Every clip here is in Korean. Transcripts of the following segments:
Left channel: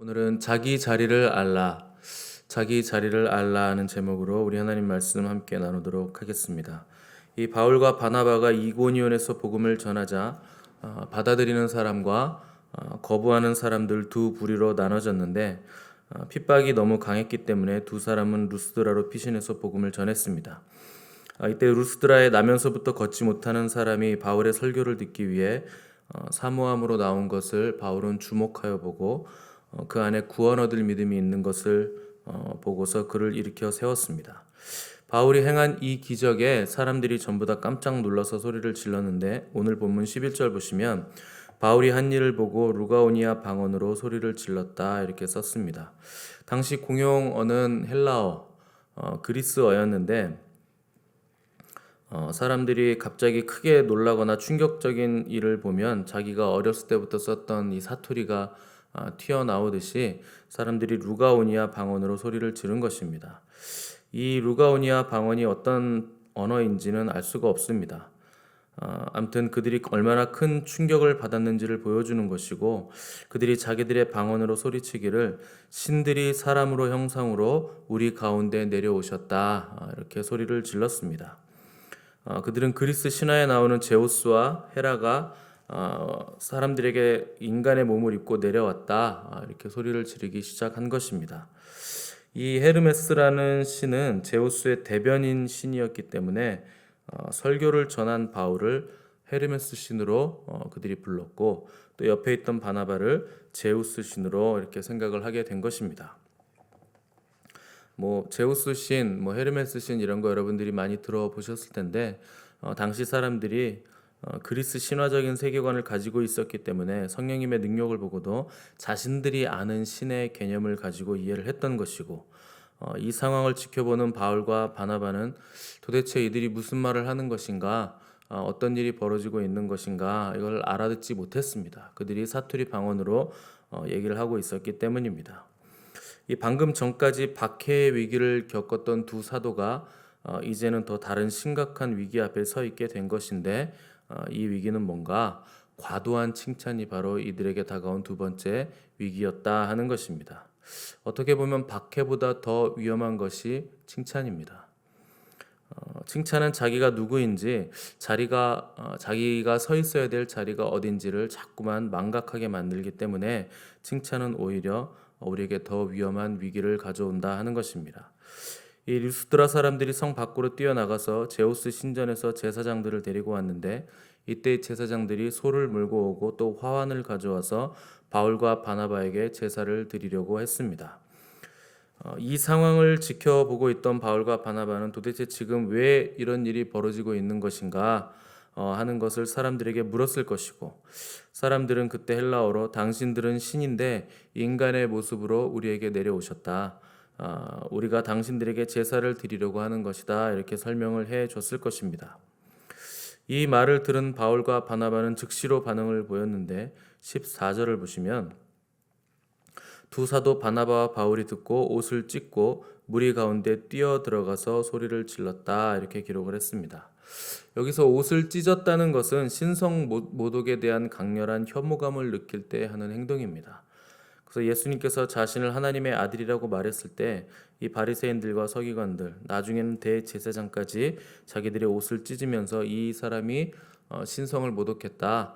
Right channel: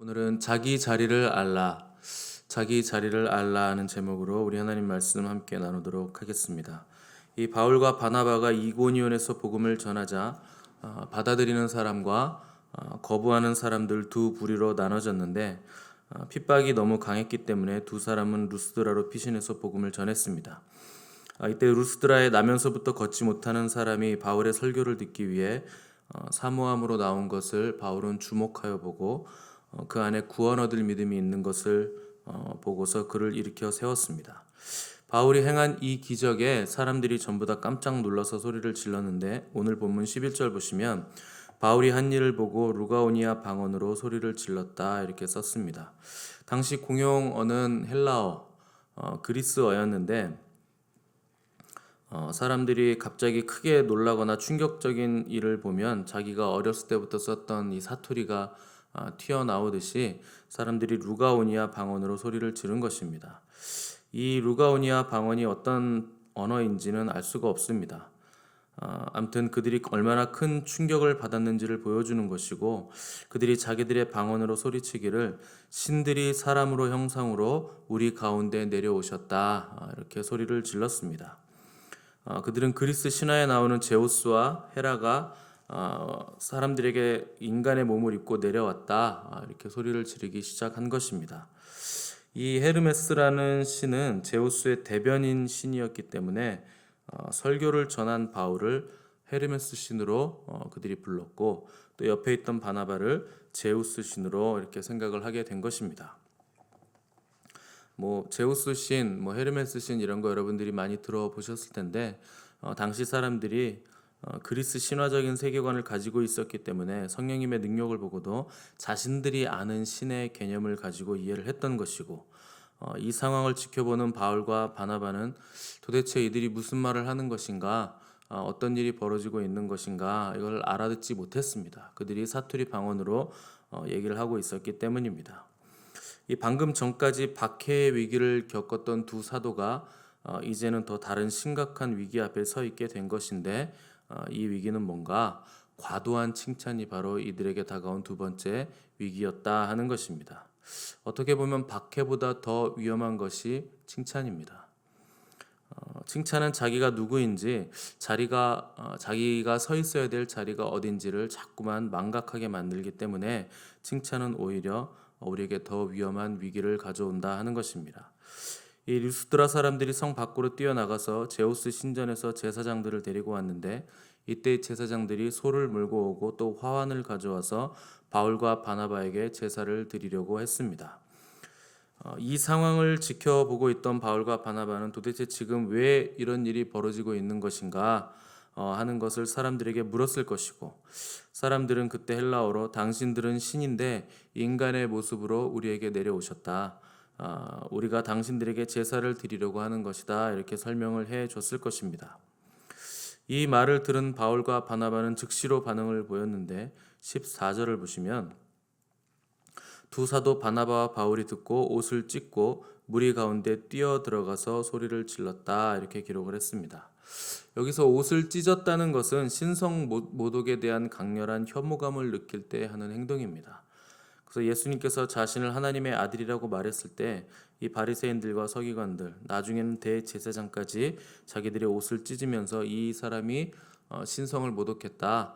오늘은 자기 자리를 알라 하는 제목으로 우리 하나님 말씀 함께 나누도록 하겠습니다. 이 바울과 바나바가 이고니온에서 복음을 전하자 받아들이는 사람과 거부하는 사람들 두 부류로 나눠졌는데 핍박이 너무 강했기 때문에 두 사람은 루스드라로 피신해서 복음을 전했습니다. 이때 루스드라에 나면서부터 걷지 못하는 사람이 바울의 설교를 듣기 위해 사모함으로 나온 것을 바울은 주목하여 보고 그 안에 구원 얻을 믿음이 있는 것을 보고서 그를 일으켜 세웠습니다. 바울이 행한 이 기적에 사람들이 전부 다 깜짝 놀라서 소리를 질렀는데 오늘 본문 11절 보시면 바울이 한 일을 보고 루가오니아 방언으로 소리를 질렀다 이렇게 썼습니다. 당시 공용어는 헬라어, 그리스어였는데 사람들이 갑자기 크게 놀라거나 충격적인 일을 보면 자기가 어렸을 때부터 썼던 이 사투리가 튀어나오듯이 사람들이 루가오니아 방언으로 소리를 지른 것입니다. 이 루가오니아 방언이 어떤 언어인지는 알 수가 없습니다. 아무튼 그들이 얼마나 큰 충격을 받았는지를 보여주는 것이고 그들이 자기들의 방언으로 소리치기를 신들이 사람으로 형상으로 우리 가운데 내려오셨다 이렇게 소리를 질렀습니다. 그들은 그리스 신화에 나오는 제우스와 헤라가 사람들에게 인간의 몸을 입고 내려왔다 이렇게 소리를 지르기 시작한 것입니다. 이 헤르메스라는 신은 제우스의 대변인 신이었기 때문에 설교를 전한 바울을 헤르메스 신으로 그들이 불렀고 또 옆에 있던 바나바를 제우스 신으로 이렇게 생각을 하게 된 것입니다. 제우스 신, 헤르메스 신 이런 거 여러분들이 많이 들어보셨을 텐데 당시 사람들이 그리스 신화적인 세계관을 가지고 있었기 때문에 성령님의 능력을 보고도 자신들이 아는 신의 개념을 가지고 이해를 했던 것이고 이 상황을 지켜보는 바울과 바나바는 도대체 이들이 무슨 말을 하는 것인가, 어떤 일이 벌어지고 있는 것인가 이걸 알아듣지 못했습니다. 그들이 사투리 방언으로 얘기를 하고 있었기 때문입니다. 이 방금 전까지 박해의 위기를 겪었던 두 사도가 이제는 더 다른 심각한 위기 앞에 서 있게 된 것인데 이 위기는 뭔가 과도한 칭찬이 바로 이들에게 다가온 두 번째 위기였다 하는 것입니다. 어떻게 보면 박해보다 더 위험한 것이 칭찬입니다. 칭찬은 자기가 누구인지 자기가 서 있어야 될 자리가 어딘지를 자꾸만 망각하게 만들기 때문에 칭찬은 오히려 우리에게 더 위험한 위기를 가져온다 하는 것입니다. 이 루스드라 사람들이 성 밖으로 뛰어나가서 제우스 신전에서 제사장들을 데리고 왔는데 이때 제사장들이 소를 몰고 오고 또 화환을 가져와서 바울과 바나바에게 제사를 드리려고 했습니다. 이 상황을 지켜보고 있던 바울과 바나바는 도대체 지금 왜 이런 일이 벌어지고 있는 것인가 하는 것을 사람들에게 물었을 것이고 사람들은 그때 헬라어로 당신들은 신인데 인간의 모습으로 우리에게 내려오셨다. 우리가 당신들에게 제사를 드리려고 하는 것이다. 이렇게 설명을 해 줬을 것입니다. 이 말을 들은 바울과 바나바는 즉시로 반응을 보였는데 14절을 보시면 두 사도 바나바와 바울이 듣고 옷을 찢고 무리 가운데 뛰어 들어가서 소리를 질렀다 이렇게 기록을 했습니다. 여기서 옷을 찢었다는 것은 신성 모독에 대한 강렬한 혐오감을 느낄 때 하는 행동입니다. 그래서 예수님께서 자신을 하나님의 아들이라고 말했을 때 이 바리새인들과 서기관들 나중에는 대제사장까지 자기들의 옷을 찢으면서 이 사람이 신성을 모독했다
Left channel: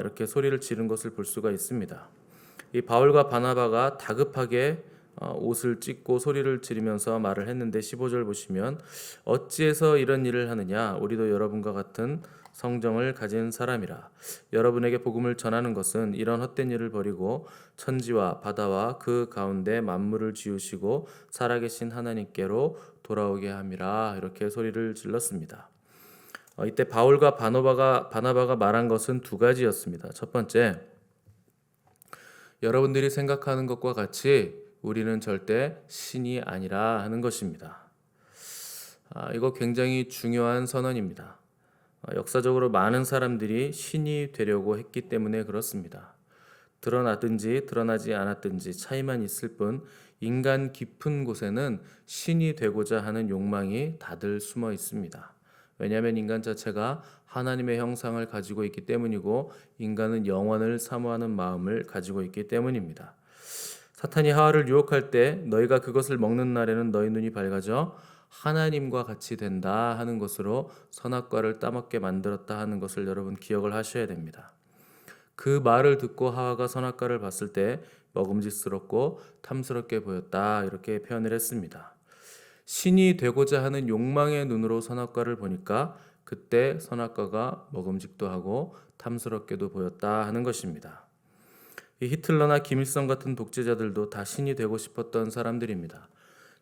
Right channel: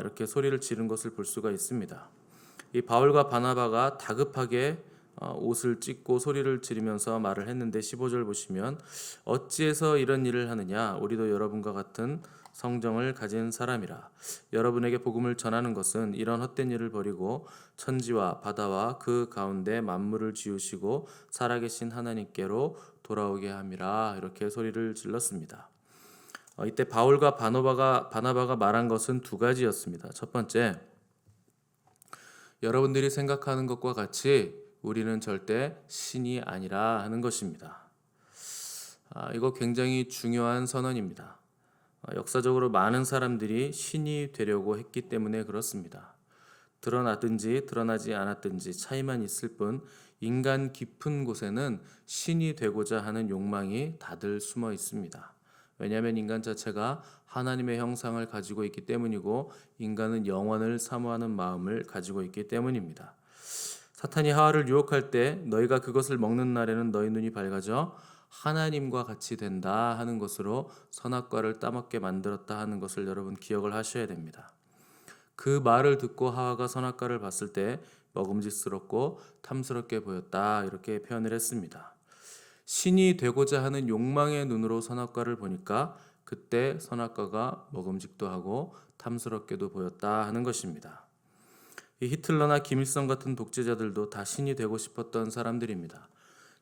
이렇게 소리를 지른 것을 볼 수가 있습니다. 이 바울과 바나바가 다급하게 옷을 찢고 소리를 지르면서 말을 했는데 15절 보시면 어찌해서 이런 일을 하느냐 우리도 여러분과 같은 성정을 가진 사람이라 여러분에게 복음을 전하는 것은 이런 헛된 일을 버리고 천지와 바다와 그 가운데 만물을 지으시고 살아계신 하나님께로 돌아오게 함이라 이렇게 소리를 질렀습니다. 이때 바울과 바나바가 말한 것은 두 가지였습니다. 첫 번째, 여러분들이 생각하는 것과 같이 우리는 절대 신이 아니라 하는 것입니다. 이거 굉장히 중요한 선언입니다. 역사적으로 많은 사람들이 신이 되려고 했기 때문에 그렇습니다. 드러나든지 드러나지 않았든지 차이만 있을 뿐 인간 깊은 곳에는 신이 되고자 하는 욕망이 다들 숨어 있습니다. 왜냐하면 인간 자체가 하나님의 형상을 가지고 있기 때문이고 인간은 영원을 사모하는 마음을 가지고 있기 때문입니다. 사탄이 하와를 유혹할 때 너희가 그것을 먹는 날에는 너희 눈이 밝아져 하나님과 같이 된다 하는 것으로 선악과를 따먹게 만들었다 하는 것을 여러분 기억을 하셔야 됩니다. 그 말을 듣고 하와가 선악과를 봤을 때 먹음직스럽고 탐스럽게 보였다 이렇게 표현을 했습니다. 신이 되고자 하는 욕망의 눈으로 선악과를 보니까 그때 선악과가 먹음직도 하고 탐스럽게도 보였다 하는 것입니다. 이 히틀러나 김일성 같은 독재자들도 다 신이 되고 싶었던 사람들입니다.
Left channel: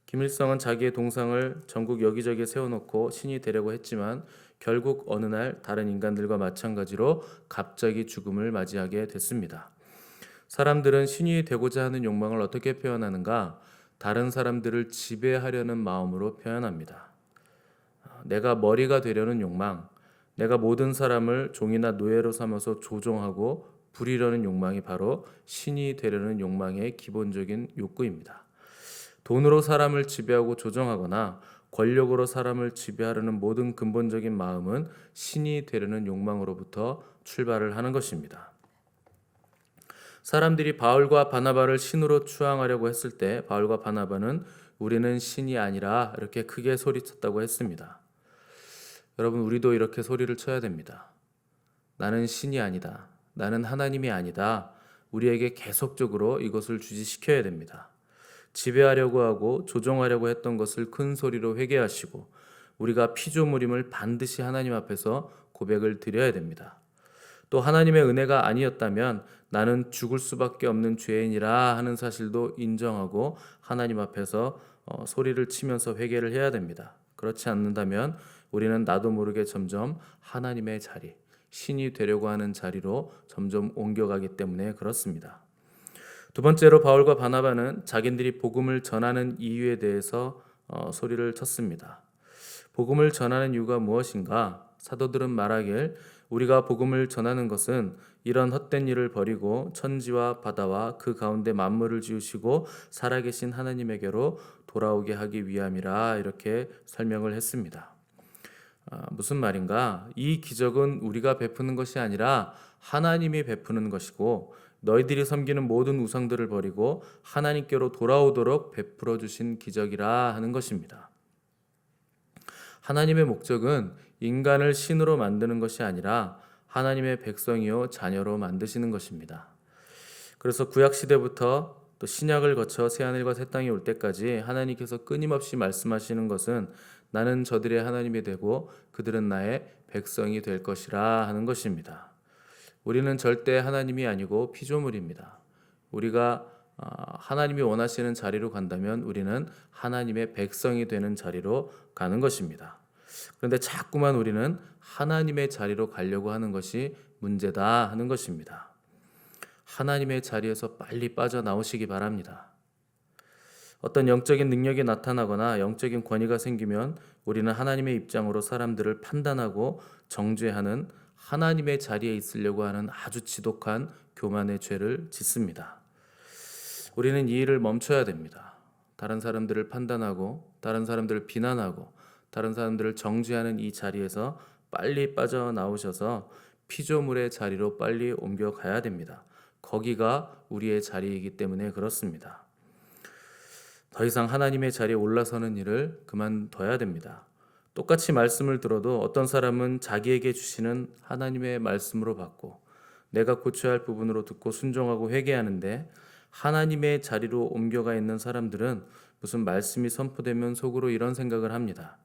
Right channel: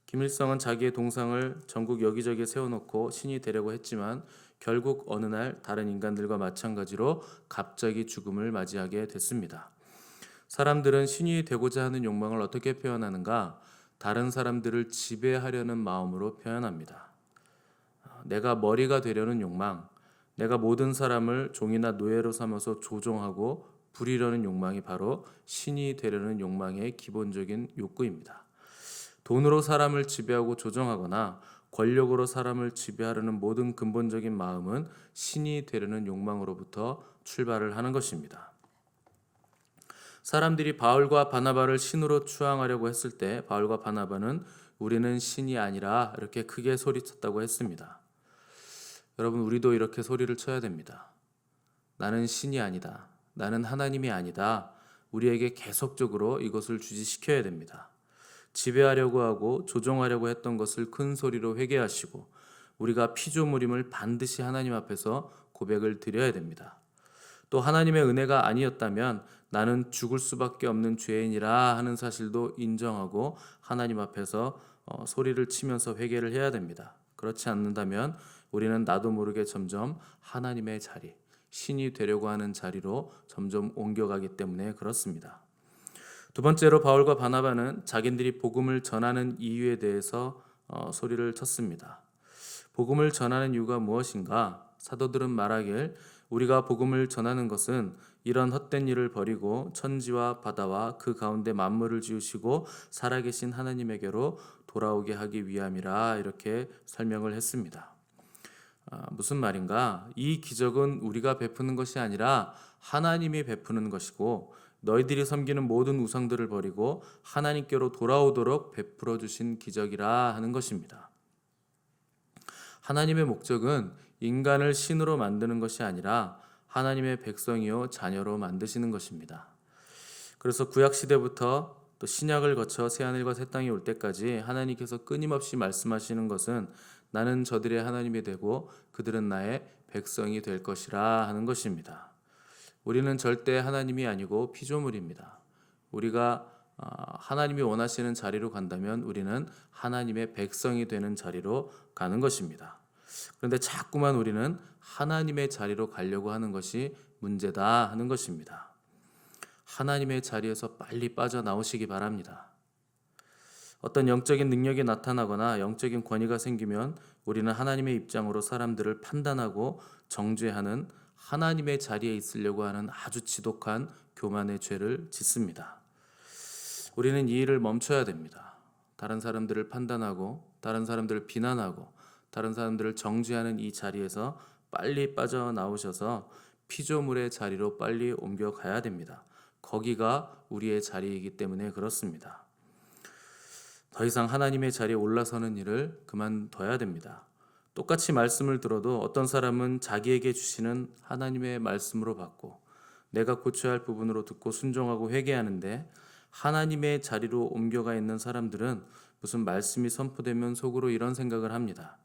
김일성은 자기의 동상을 전국 여기저기 세워놓고 신이 되려고 했지만 결국 어느 날 다른 인간들과 마찬가지로 갑자기 죽음을 맞이하게 됐습니다. 사람들은 신이 되고자 하는 욕망을 어떻게 표현하는가? 다른 사람들을 지배하려는 마음으로 표현합니다. 내가 머리가 되려는 욕망, 내가 모든 사람을 종이나 노예로 삼아서 조종하고 부리려는 욕망이 바로 신이 되려는 욕망의 기본적인 욕구입니다. 돈으로 사람을 지배하고 조종하거나 권력으로 사람을 지배하려는 모든 근본적인 마음은 신이 되려는 욕망으로부터 출발을 하는 것입니다. 사람들이 바울과 바나바를 신으로 추앙하려고 했을 때 바울과 바나바는 우리는 신이 아니라 이렇게 크게 소리쳤다고 했습니다. 여러분, 우리도 이렇게 소리를 쳐야 됩니다. 나는 신이 아니다. 나는 하나님이 아니다. 우리에게 계속적으로 이것을 주지시켜야 됩니다. 지배하려고 하고 조종하려고 했던 것을 큰 소리로 회개하시고 우리가 피조물임을 반드시 하나님 앞에서 고백을 드려야 됩니다. 또 하나님의 은혜가 아니었다면 나는 죽을 수밖에 없는 죄인이라 하는 사실도 인정하고 하나님 앞에서 소리를 치면서 회개를 해야 됩니다. 그렇지 않는다면 우리는 나도 모르게 점점 하나님의 자리, 신이 되려고 하는 자리로 점점 옮겨가기 때문에 그렇습니다. 두 번째로 바울과 바나바는 자기들이 복음을 전하는 이유에 대해서 소리를 쳤습니다. 복음을 전하는 이유가 무엇인가? 사도들은 말하길 우리가 복음을 전하는 것은 이런 헛된 일을 버리고 천지와 바다와 그 가운데 만물을 지으시고 살아계신 하나님에게로 돌아오게 하기 위함이라 이렇게 설명을 했습니다. 무슨 말인가? 이 기적은 우리가 베푸는 것이 아니라 하나님이 베푸는 것이고 너희들이 섬기는 모든 우상들을 버리고 하나님께로 돌아오도록 베풀어 주신 기적이라 하는 것입니다. 하나님의 목적은 인간을 신으로 만드는 것이 아니라 하나님의 백성이요 자녀로 만드시는 것입니다. 그래서 구약 시대부터 또 신약을 거쳐 새하늘과 새 땅이 올 때까지 하나님께서 끊임없이 말씀하시는 것은 나는 저들의 하나님이 되고 그들은 나의 백성이 될 것이라 하는 것입니다. 우리는 절대 하나님이 아니고 피조물입니다. 우리가 하나님이 원하시는 자리로 간다면 우리는 하나님의 백성이 되는 자리로 가는 것입니다. 그런데 자꾸만 우리는 하나님의 자리로 가려고 하는 것이 문제다 하는 것입니다. 하나님의 자리에서 빨리 빠져나오시기 바랍니다. 어떤 영적인 능력이 나타나거나 영적인 권위가 생기면 우리는 하나님의 입장으로 사람들을 판단하고 정죄하는 하나님의 자리에 있으려고 하는 아주 지독한 교만의 죄를 짓습니다. 우리는 이 일을 멈춰야 됩니다. 다른 사람들을 판단하고 다른 사람들을 비난하고 다른 사람들을 정죄하는 이 자리에서 빨리 빠져나오셔서 피조물의 자리로 빨리 옮겨가야 됩니다. 거기가 우리의 자리이기 때문에 그렇습니다. 더 이상 하나님의 자리에 올라서는 일을 그만둬야 됩니다. 똑같이 말씀을 들어도 어떤 사람은 자기에게 주시는 하나님의 말씀으로 받고 내가 고쳐야 할 부분으로 듣고 순종하고 회개하는데 하나님의 자리로 옮겨가 있는 사람들은 무슨 말씀이 선포되면 속으로 이런 생각을 합니다.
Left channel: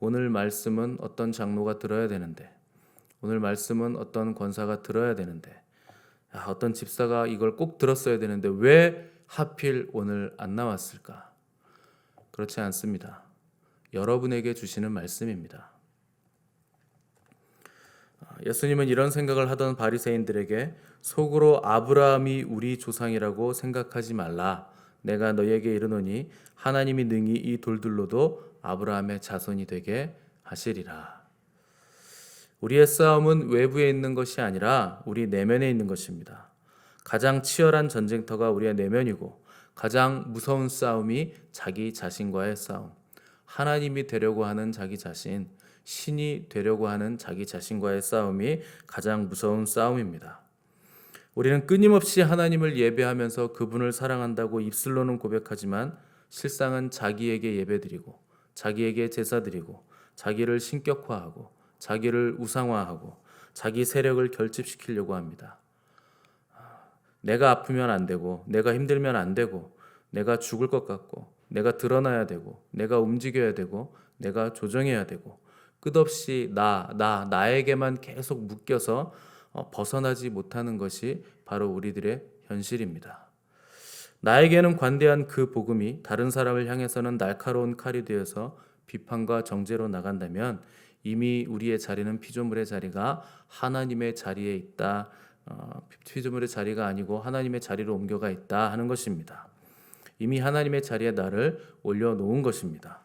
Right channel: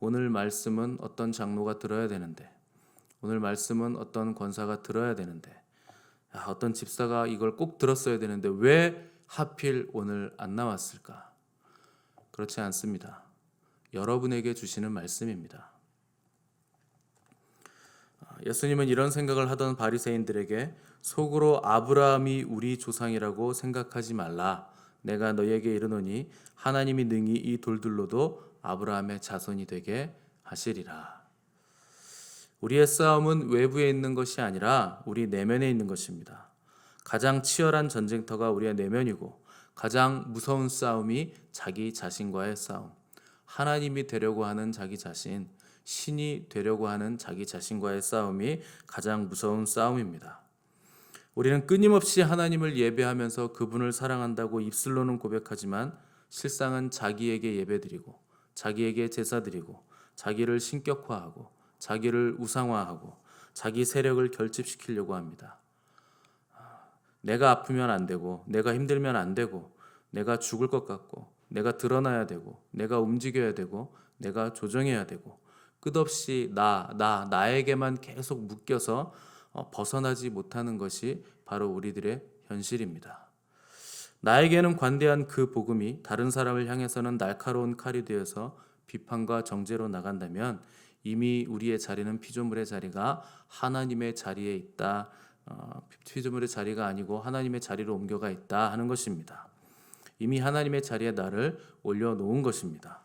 오늘 말씀은 어떤 장로가 들어야 되는데, 오늘 말씀은 어떤 권사가 들어야 되는데, 어떤 집사가 이걸 꼭 들었어야 되는데 왜 하필 오늘 안 나왔을까? 그렇지 않습니다. 여러분에게 주시는 말씀입니다. 예수님은 이런 생각을 하던 바리새인들에게 속으로 아브라함이 우리 조상이라고 생각하지 말라. 내가 너희에게 이르노니 하나님이 능히 이 돌들로도 아브라함의 자손이 되게 하시리라. 우리의 싸움은 외부에 있는 것이 아니라 우리 내면에 있는 것입니다. 가장 치열한 전쟁터가 우리의 내면이고 가장 무서운 싸움이 자기 자신과의 싸움. 하나님이 되려고 하는 자기 자신, 신이 되려고 하는 자기 자신과의 싸움이 가장 무서운 싸움입니다. 우리는 끊임없이 하나님을 예배하면서 그분을 사랑한다고 입술로는 고백하지만 실상은 자기에게 예배드리고 자기에게 제사드리고 자기를 신격화하고 자기를 우상화하고 자기 세력을 결집시키려고 합니다. 내가 아프면 안 되고 내가 힘들면 안 되고 내가 죽을 것 같고 내가 드러나야 되고 내가 움직여야 되고 내가 조정해야 되고 끝없이 나에게만 계속 묶여서 벗어나지 못하는 것이 바로 우리들의 현실입니다. 나에게는 관대한 그 복음이 다른 사람을 향해서는 날카로운 칼이 되어서 비판과 정죄로 나간다면 이미 우리의 자리는 피조물의 자리가 하나님의 자리에 있다. 피조물의 자리가 아니고 하나님의 자리로 옮겨가 있다 하는 것입니다. 이미 하나님의 자리에 나를 올려놓은 것입니다.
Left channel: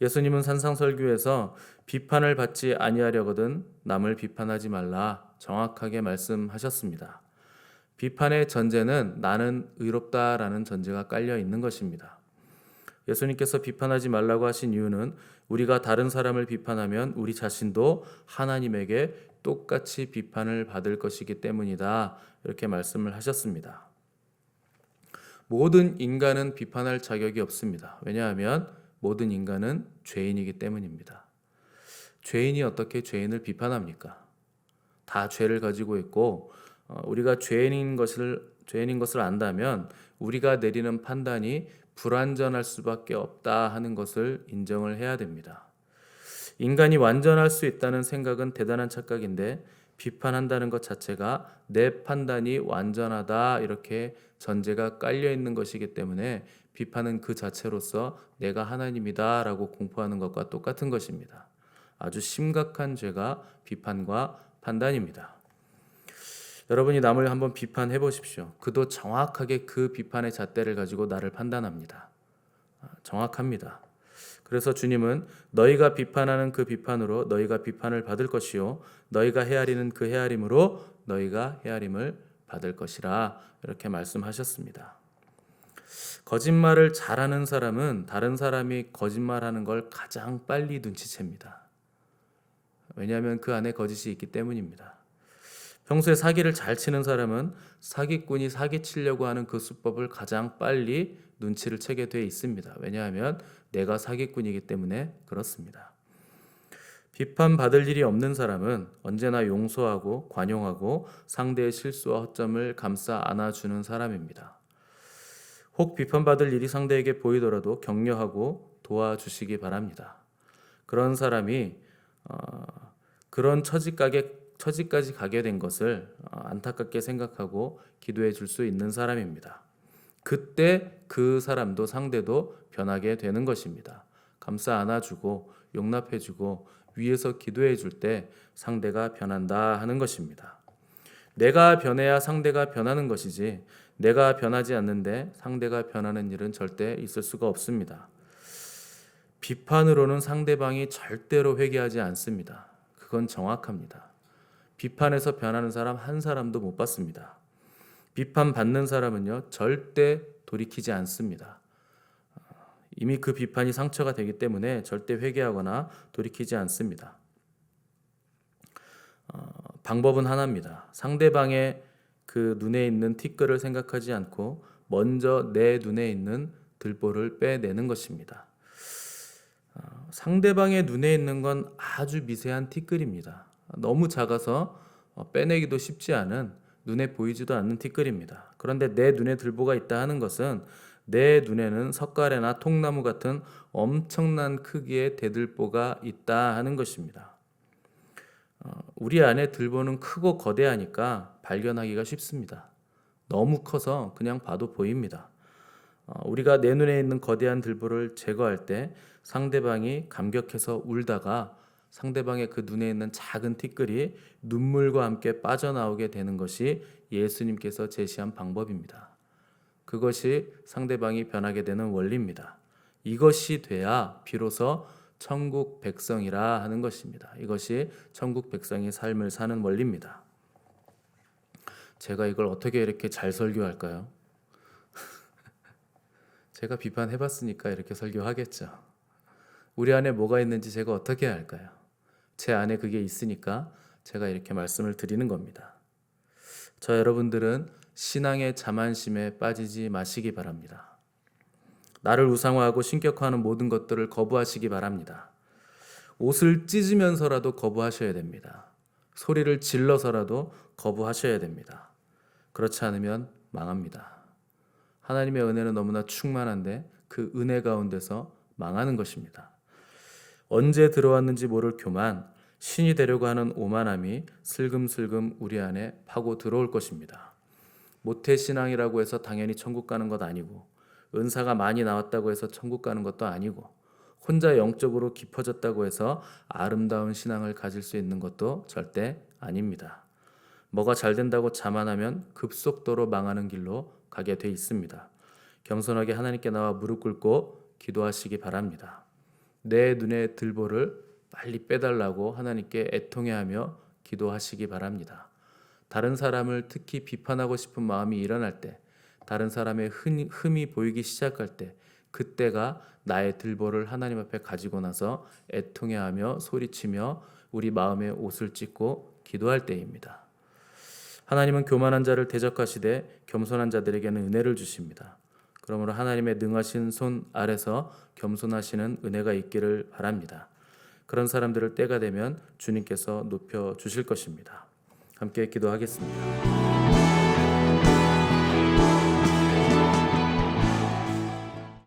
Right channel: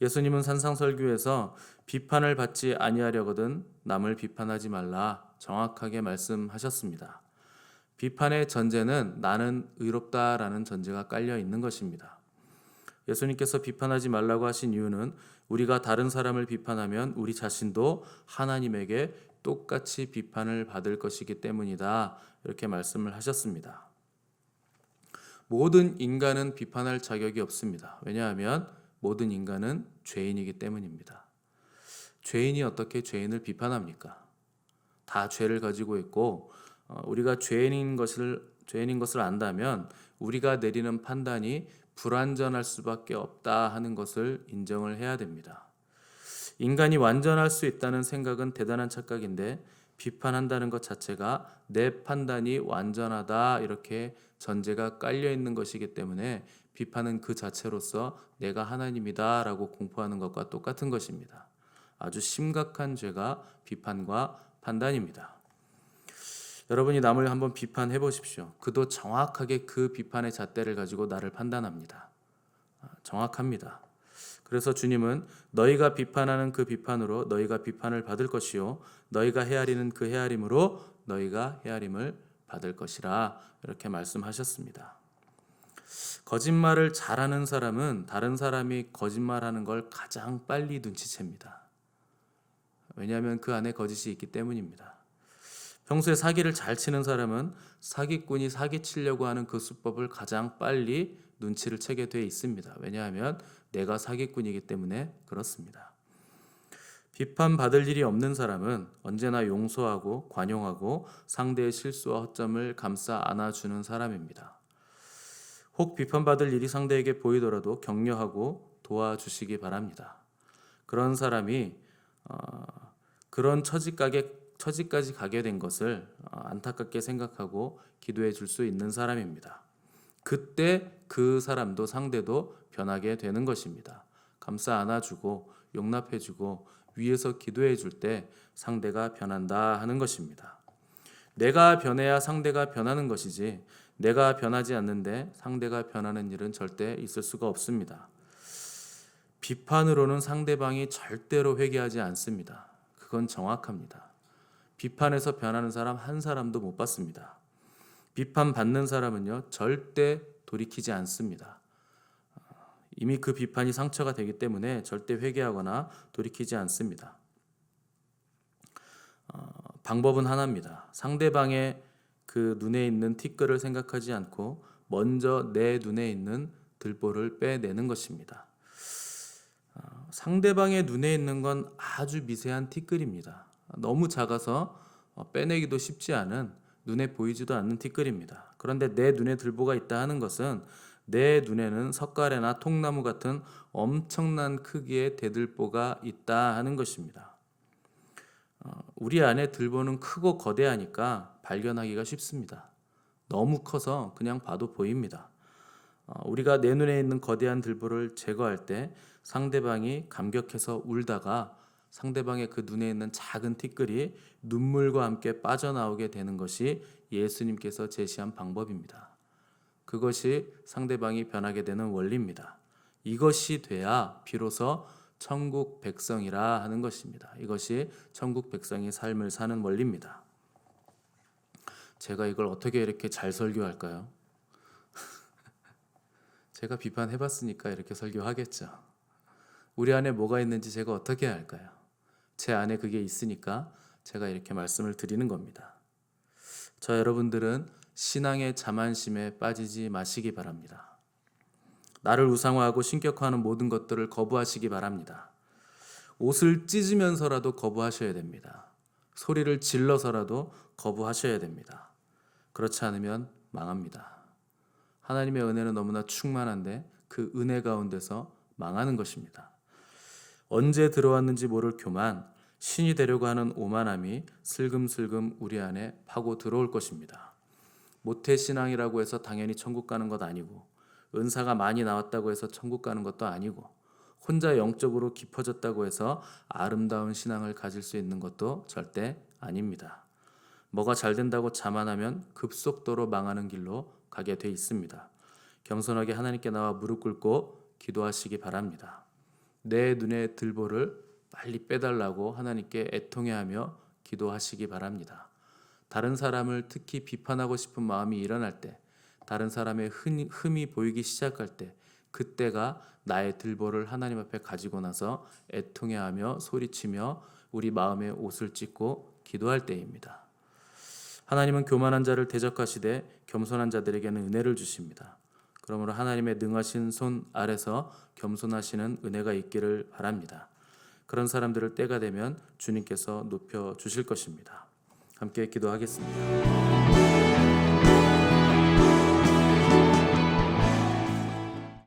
예수님은 산상설교에서 비판을 받지 아니하려거든 남을 비판하지 말라 정확하게 말씀하셨습니다. 비판의 전제는 나는 의롭다라는 전제가 깔려 있는 것입니다. 예수님께서 비판하지 말라고 하신 이유는 우리가 다른 사람을 비판하면 우리 자신도 하나님에게 똑같이 비판을 받을 것이기 때문이다. 이렇게 말씀을 하셨습니다. 모든 인간은 비판할 자격이 없습니다. 왜냐하면 모든 인간은 죄인이기 때문입니다. 죄인이 어떻게 죄인을 비판합니까? 다 죄를 가지고 있고 우리가 죄인인 것을 안다면 우리가 내리는 판단이 불완전할 수밖에 없다 하는 것을 인정을 해야 됩니다. 인간이 완전할 수 있다는 생각은 대단한 착각인데 비판한다는 것 자체가 내 판단이 완전하다 이렇게 전제가 깔려 있는 것이기 때문에 비판은 그 자체로서 내가 하나님이다 라고 공포하는 것과 똑같은 것입니다. 아주 심각한 죄가 비판과 판단입니다. 여러분이 남을 한번 비판해 보십시오. 그도 정확하게 그 비판의 잣대를 가지고 나를 판단합니다. 정확합니다. 그래서 주님은 너희가 비판하는 그 비판으로 너희가 비판을 받을 것이요 너희가 헤아리는 그 헤아림으로 너희가 헤아림을 받을 것이라 이렇게 말씀하셨습니다. 거짓말을 잘하는 사람은 다른 사람이 거짓말하는 걸 가장 빨리 눈치챕니다. 왜냐하면 그 안에 거짓이 있기 때문입니다. 평소에 사기를 잘 치는 사람은 사기꾼이 사기치려고 하는 그 수법을 가장 빨리 눈치를 채게 돼 있습니다. 왜냐하면 내가 사기꾼이기 때문에 그렇습니다. 비판받을 일이 없는 사람은 언제나 용서하고 관용하고 상대의 실수와 허점을 감싸 안아주는 사람입니다. 혹 비판받을 일이 상대에게 보이더라도 격려하고 도와주시기 바랍니다. 그런 사람이 그런 처지까지 가게 된 것을 안타깝게 생각하고 기도해 줄 수 있는 사람입니다. 그때 그 사람도 상대도 변하게 되는 것입니다. 감싸 안아주고 용납해주고 위에서 기도해 줄 때 상대가 변한다 하는 것입니다. 내가 변해야 상대가 변하는 것이지 내가 변하지 않는데 상대가 변하는 일은 절대 있을 수가 없습니다. 비판으로는 상대방이 절대로 회개하지 않습니다. 그건 정확합니다. 비판에서 변하는 사람 한 사람도 못 봤습니다. 비판받는 사람은요 절대 돌이키지 않습니다. 이미 그 비판이 상처가 되기 때문에 절대 회개하거나 돌이키지 않습니다. 방법은 하나입니다. 상대방의 그 눈에 있는 티끌을 생각하지 않고 먼저 내 눈에 있는 들보를 빼내는 것입니다. 상대방의 눈에 있는 건 아주 미세한 티끌입니다. 너무 작아서 빼내기도 쉽지 않은 눈에 보이지도 않는 티끌입니다. 그런데 내 눈에 들보가 있다 하는 것은 내 눈에는 석가래나 통나무 같은 엄청난 크기의 대들보가 있다 하는 것입니다. 우리 안에 들보는 크고 거대하니까 발견하기가 쉽습니다. 너무 커서 그냥 봐도 보입니다. 우리가 내 눈에 있는 거대한 들보를 제거할 때 상대방이 감격해서 울다가 상대방의 그 눈에 있는 작은 티끌이 눈물과 함께 빠져나오게 되는 것이 예수님께서 제시한 방법입니다. 그것이 상대방이 변하게 되는 원리입니다. 이것이 돼야 비로소 천국 백성이라 하는 것입니다. 이것이 천국 백성의 삶을 사는 원리입니다. 제가 이걸 어떻게 이렇게 잘 설교할까요? 제가 비판해봤으니까 이렇게 설교하겠죠. 우리 안에 뭐가 있는지 제가 어떻게 할까요? 제 안에 그게 있으니까 제가 이렇게 말씀을 드리는 겁니다. 여러분들은 신앙의 자만심에 빠지지 마시기 바랍니다. 나를 우상화하고 신격화하는 모든 것들을 거부하시기 바랍니다. 옷을 찢으면서라도 거부하셔야 됩니다. 소리를 질러서라도 거부하셔야 됩니다. 그렇지 않으면 망합니다. 하나님의 은혜는 너무나 충만한데 그 은혜 가운데서 망하는 것입니다. 언제 들어왔는지 모를 교만, 신이 되려고 하는 오만함이 슬금슬금 우리 안에 파고 들어올 것입니다. 모태신앙이라고 해서 당연히 천국 가는 것 아니고, 은사가 많이 나왔다고 해서 천국 가는 것도 아니고, 혼자 영적으로 깊어졌다고 해서 아름다운 신앙을 가질 수 있는 것도 절대 아닙니다. 뭐가 잘 된다고 자만하면 급속도로 망하는 길로 가게 돼 있습니다. 겸손하게 하나님께 나와 무릎 꿇고 기도하시기 바랍니다. 내 눈의 들보를 빨리 빼달라고 하나님께 애통해하며 기도하시기 바랍니다. 다른 사람을 특히 비판하고 싶은 마음이 일어날 때, 다른 사람의 흠이 보이기 시작할 때, 그때가 나의 들보를 하나님 앞에 가지고 나서 애통해하며 소리치며 우리 마음에 옷을 찢고 기도할 때입니다. 하나님은 교만한 자를 대적하시되 겸손한 자들에게는 은혜를 주십니다. 그러므로 하나님의 능하신 손 아래서 겸손하시는 은혜가 있기를 바랍니다. 그런 사람들을 때가 되면 주님께서 높여 주실 것입니다. 함께 기도하겠습니다.